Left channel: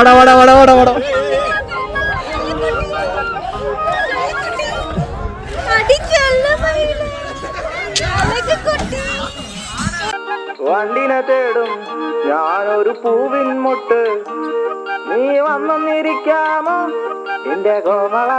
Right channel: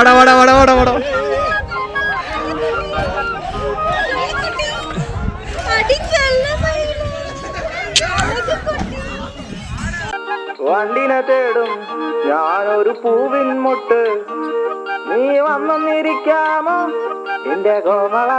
வாடா வாடா வாடா வாடா வாடா. വണ്ടിനെ തേടും ഞാനൊരു പൂവിൻ മുട്ട് നീ വന്നിരിക്കാമോ എന്റെ കോമള.